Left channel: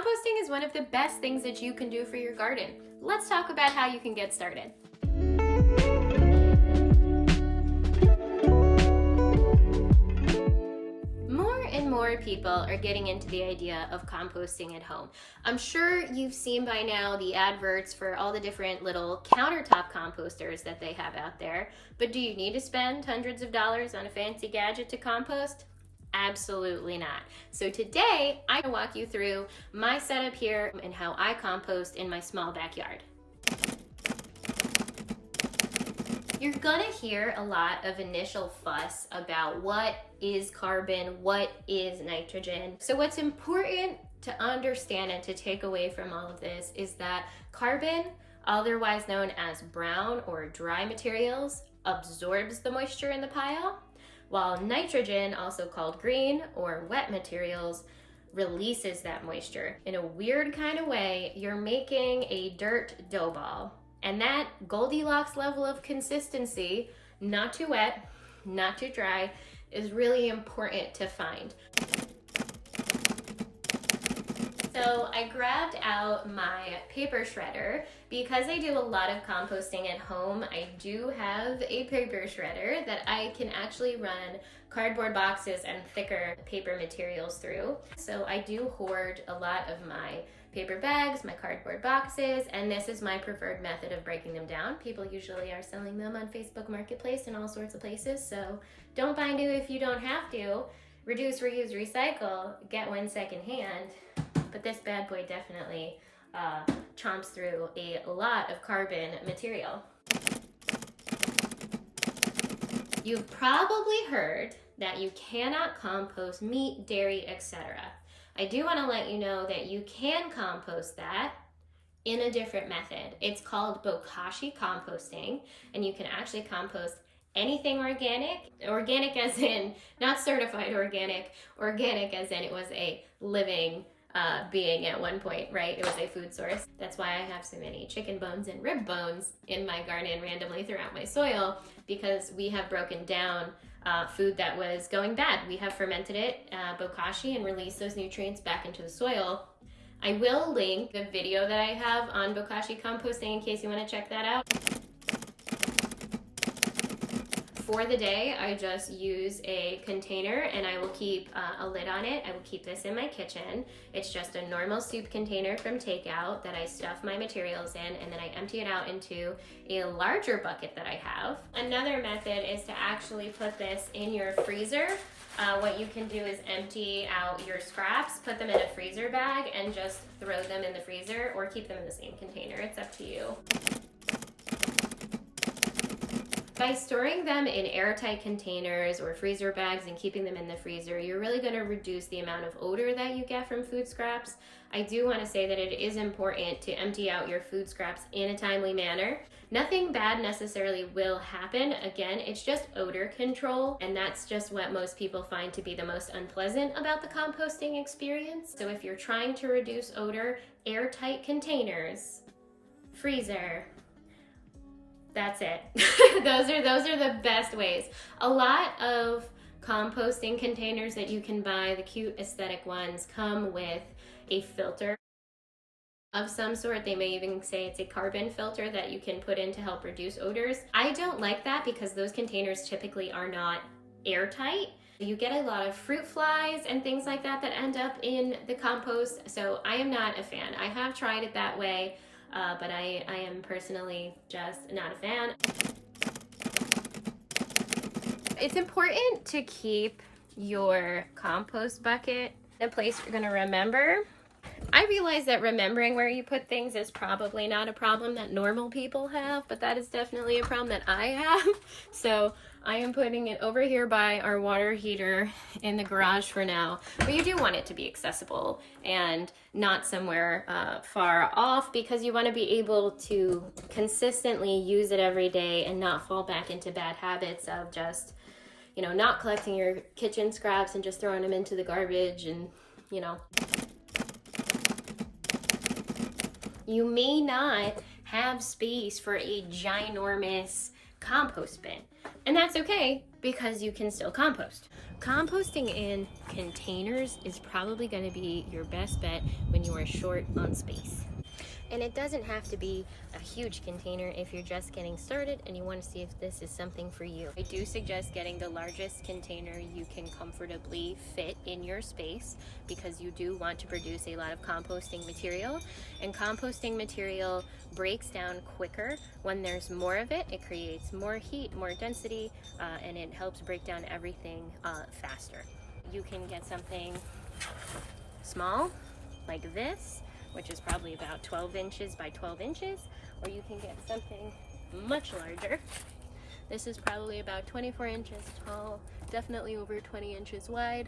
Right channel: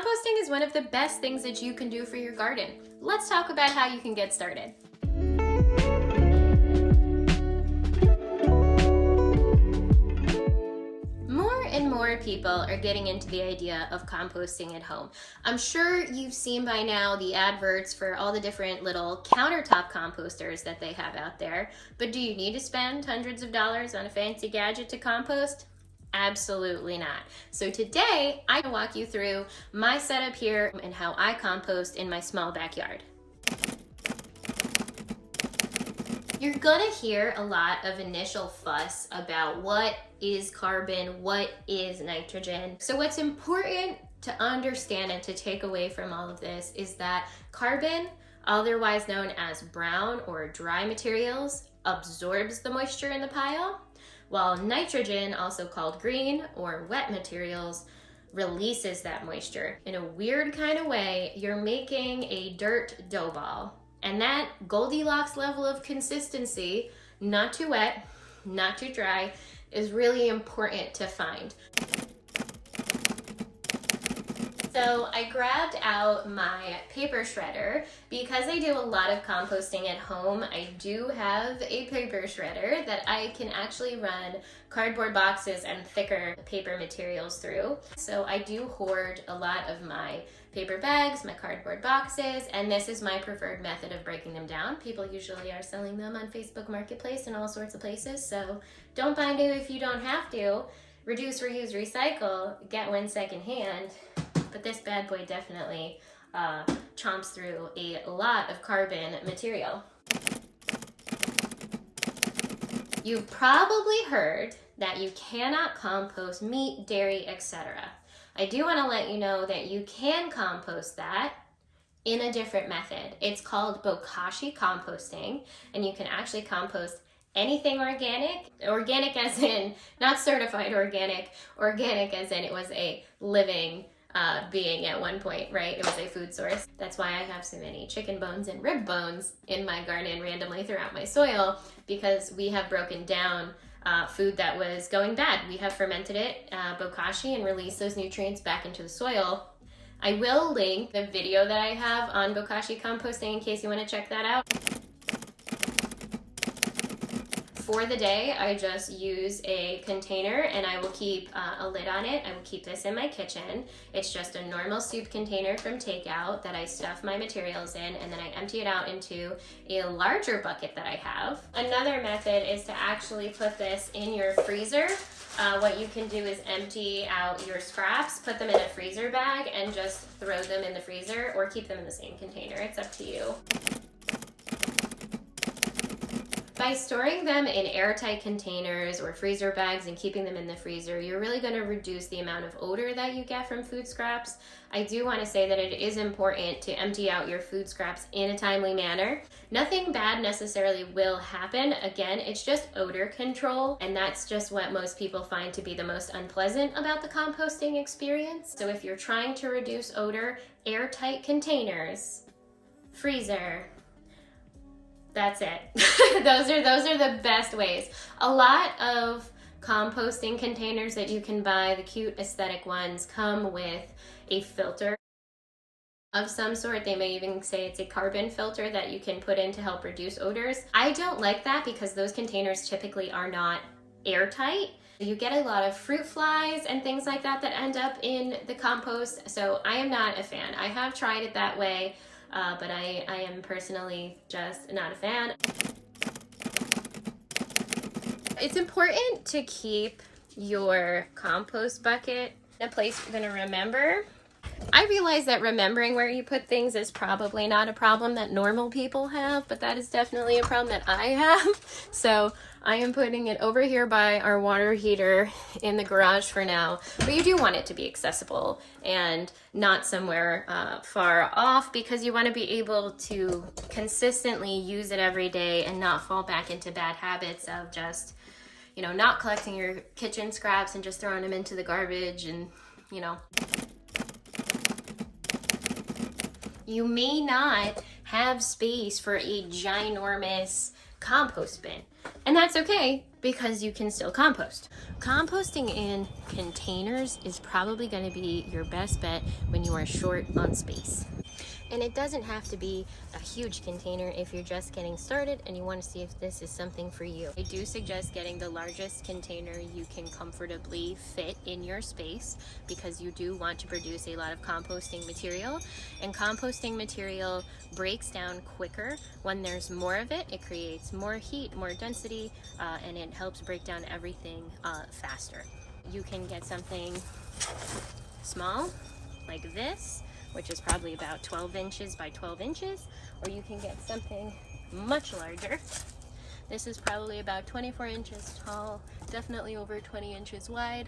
Composting is one of the best things that you can do for your garden. Let's talk about how you can get started. More and more people are getting into the idea of composting at home. I'm sure you've seen by now the adverts for all the different little countertop composters that they have out there, but do you need to spend hundreds of dollars on a fancy gadget to compost? Absolutely not. So today, I will walk you through my setup here and how I compost in my small backyard. You're gonna hear a lot of initial fuss about what is carbon, what is nitrogen. So what's important to understand and to take away from all of this is that carbon, otherwise known as brown or dry materials, absorbs the moisture in the pile, while nitrogen, also called green or wet materials, releases that moisture. In a weird kind of way, you're making a dirt dough ball. And that Goldilocks level of consistency, not too wet, not too dry, is really important to find. So I grabbed out my paper shredder. Because I do a lot of composting at home, I do have a paper shredder that I can actually run cardboard boxes and thicker paper materials through. So I do hoard a lot of my paper bags, my cardboard boxes, and this is my preferred method of breaking them down. People usually are selling them on Facebook Marketplace and all sorts of places, so don't buy new if you don't have to. Reduce, reuse, recycle, get one secondhand, but this bad boy definitely chomps through a lot of carbon material. You've probably heard that you cannot compost meat, dairy, etc. I do want to let you know that you can compost that in a different method. It's called bokashi composting, and you can actually compost anything organic as in not certified organic as in it was a living being at one point, right? It was a food source. That's why I have so many chicken bones and rib bones in my garden randomly throughout my soil, because we have broken down food that was going bad. We have fermented it, bokashi, and released those nutrients back into the soil. I will link the video that I have on bokashi composting in case you want to check that out. For the day, I just use a container and I will keep a lid on it. I will keep this in my kitchen. It's just a normal soup container from takeout that I stuff my materials in, and then I empty it out into a larger bucket that I have. Another method is to actually put this in your freezer. What you can do is empty out your scraps, put them in a freezer bag, and just throw them in the freezer, or keep them in the same container. It's up to you. By storing them in airtight containers or freezer bags and keeping them in the freezer, you're really going to reduce the amount of odor that you get from food scraps. I do want to say that it is important to empty out your food scraps in a timely manner. Nothing bad necessarily will happen. Again, it's just odor control, and that's just what most people find to be the most unpleasant about the composting experience. So if you're trying to reduce odor, airtight containers, freezer, that's it. those are the best ways. A lot of composting containers that you can buy, the cute aesthetic ones, come with a filter of some sort. They may even say it's a carbon filter that you can put in to help reduce odors. I don't like that because those containers typically are not airtight. You get a lot of fruit flies and things like that that end up in the compost, so I am not a fan. I have tried it that way, but I am personally just not a fan. It's important to keep your compost bucket in a place you're gonna remember. I realize that remembering where you put things is probably not a problem that normal people have, but that is definitely a problem that I have. So I am putting it over here by our water heater in the garage for now, but you do want it to be accessible and not somewhere far off, because you want to be able to consistently use it every day and not fall back into bad habits of just, you know, not collecting your kitchen scraps and just throwing them into the garbage and, you know. You may not have space for a ginormous compost bin. And that's okay, because you can still compost. Composting in containers is probably going to be your best bet when you are short on space. And it doesn't have to be a huge container if you're just getting started and you want to see if this is something for you. I do suggest getting the largest container you can comfortably fit in your space, because you do want to produce a lot of composting material. And composting material breaks down quicker when there's more of it. It creates more heat, more density, and it helps break down everything faster. You can get something small like this, which is probably about 12 inches by 12 inches, or you can get something much larger. This is probably about 24 inches tall, definitely over 20 inches wide.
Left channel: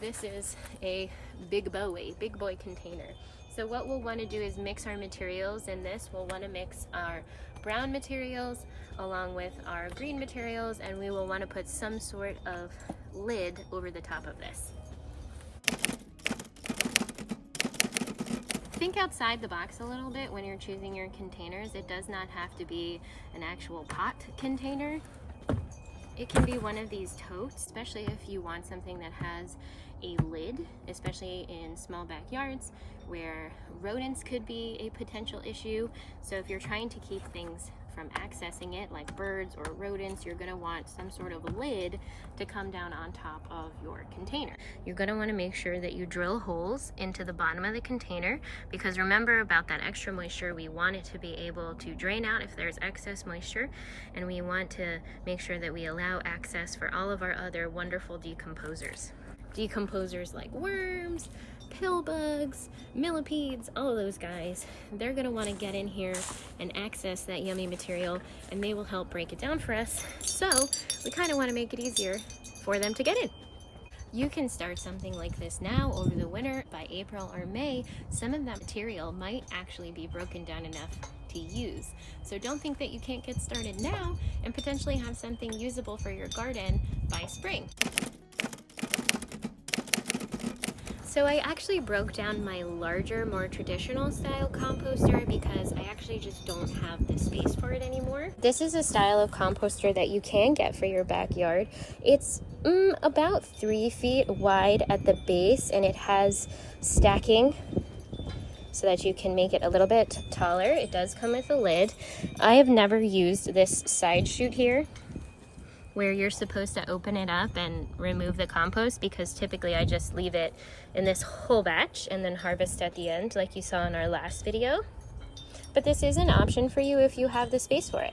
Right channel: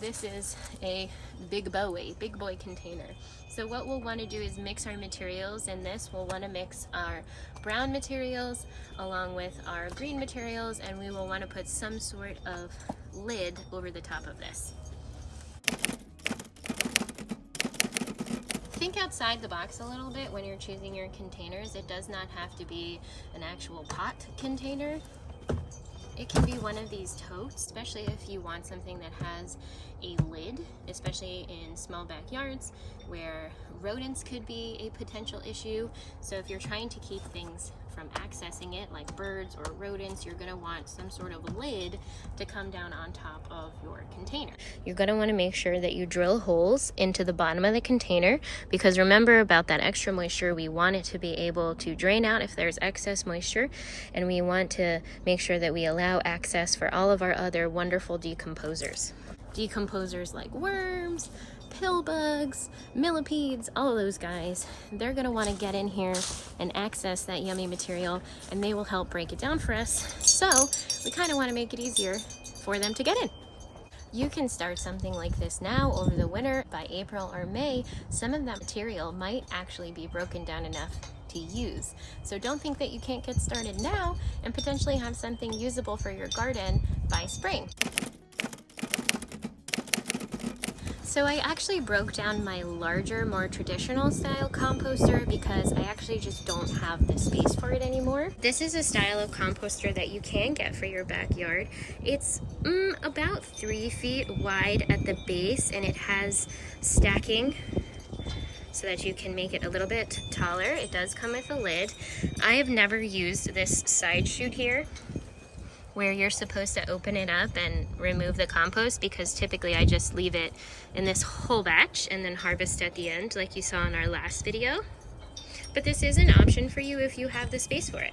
This is a big boy container. So what we'll want to do is mix our materials in this. We'll want to mix our brown materials along with our green materials, and we will want to put some sort of lid over the top of this. Think outside the box a little bit when you're choosing your containers. It does not have to be an actual pot container. It can be one of these totes, especially if you want something that has a lid, especially in small backyards where rodents could be a potential issue. So if you're trying to keep things from accessing it, like birds or rodents, you're going to want some sort of lid to come down on top of your container. You're going to want to make sure that you drill holes into the bottom of the container, because remember about that extra moisture, we want it to be able to drain out if there's excess moisture, and we want to make sure that we allow access for all of our other wonderful decomposers. Decomposers like worms, pill bugs, millipedes, all of those guys, they're going to want to get in here and access that yummy material, and they will help break it down for us. So we kind of want to make it easier for them to get in. You can start something like this now over the winter. By April or May, some of that material might actually be broken down enough to use. So don't think that you can't get started now and potentially have something usable for your garden by spring. So I actually broke down my larger, more traditional style composter because I actually just don't have the space for it anymore. This is a style of composter that you can get for your backyard. It's about 3 feet wide at the base, and it has stacking so that you can make it a little bit taller. It does come with a lid. I have never used this side chute here, where you're supposed to open it up and remove the compost, because typically I just leave it in this whole batch and then harvest at the end like you saw in our last video. But this is an option for you if you have the space for it.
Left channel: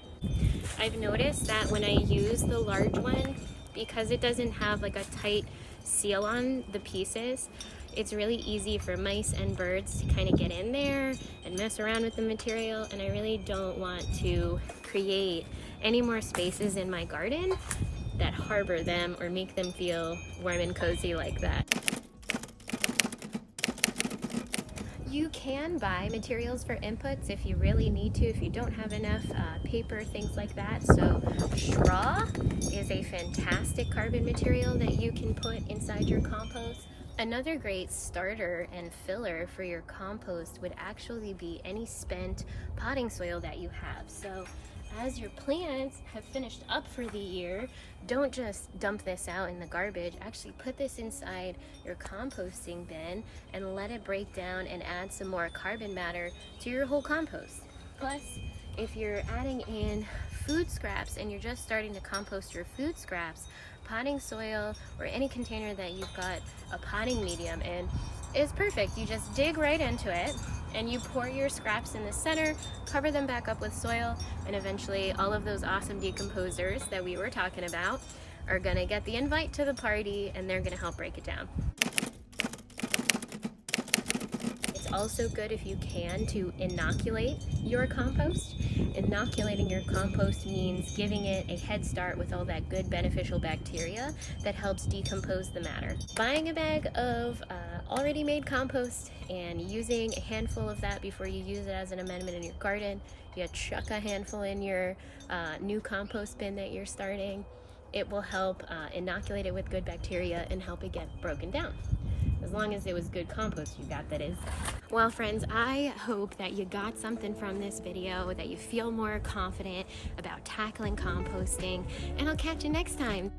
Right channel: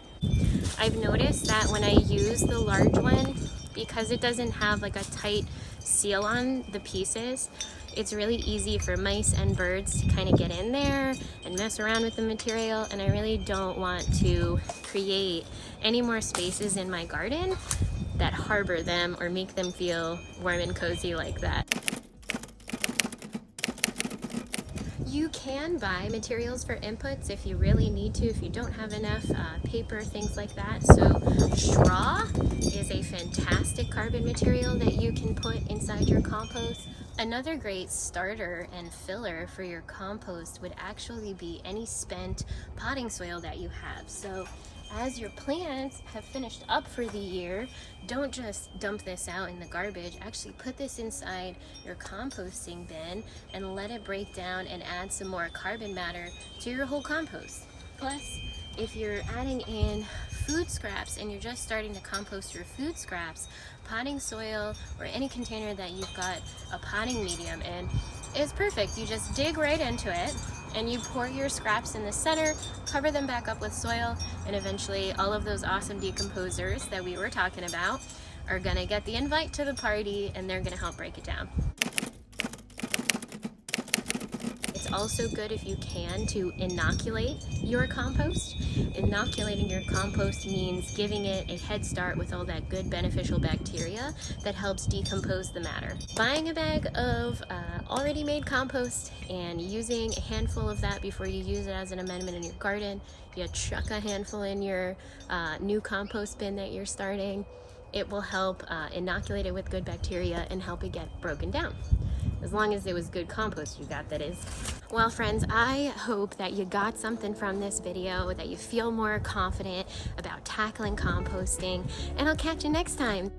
I've noticed that when I use the large one, because it doesn't have like a tight seal on the pieces, it's really easy for mice and birds to kind of get in there and mess around with the material, and I really don't want to create any more spaces in my garden that harbor them or make them feel warm and cozy like that. You can buy materials for inputs if you really need to, if you don't have enough paper, things like that. So straw is a fantastic carbon material that you can put inside your compost. Another great starter and filler for your compost would actually be any spent potting soil that you have. So as your plants have finished up for the year, don't just dump this out in the garbage. Actually put this inside your composting bin and let it break down and add some more carbon matter to your whole compost. Plus, if you're adding in food scraps and you're just starting to compost your food scraps, potting soil or any container that you've got a potting medium in is perfect. You just dig right into it and you pour your scraps in the center, cover them back up with soil, and eventually all of those awesome decomposers that we were talking about are gonna get the invite to the party, and they're gonna help break it down. It's also good, if you can, to inoculate your compost. Inoculating your compost means giving it a head start with all that good beneficial bacteria that helps decompose the matter. Buying a bag of already made compost and using a handful of that before you use it as an amendment in your garden. You chuck a handful in your new compost bin that you're starting. It will help inoculate it with good bacteria and help it get broken down. As long as it was good compost you got, that is. Well, friends, I hope that you got something from this video, that you feel more confident about tackling composting, and I'll catch you next time.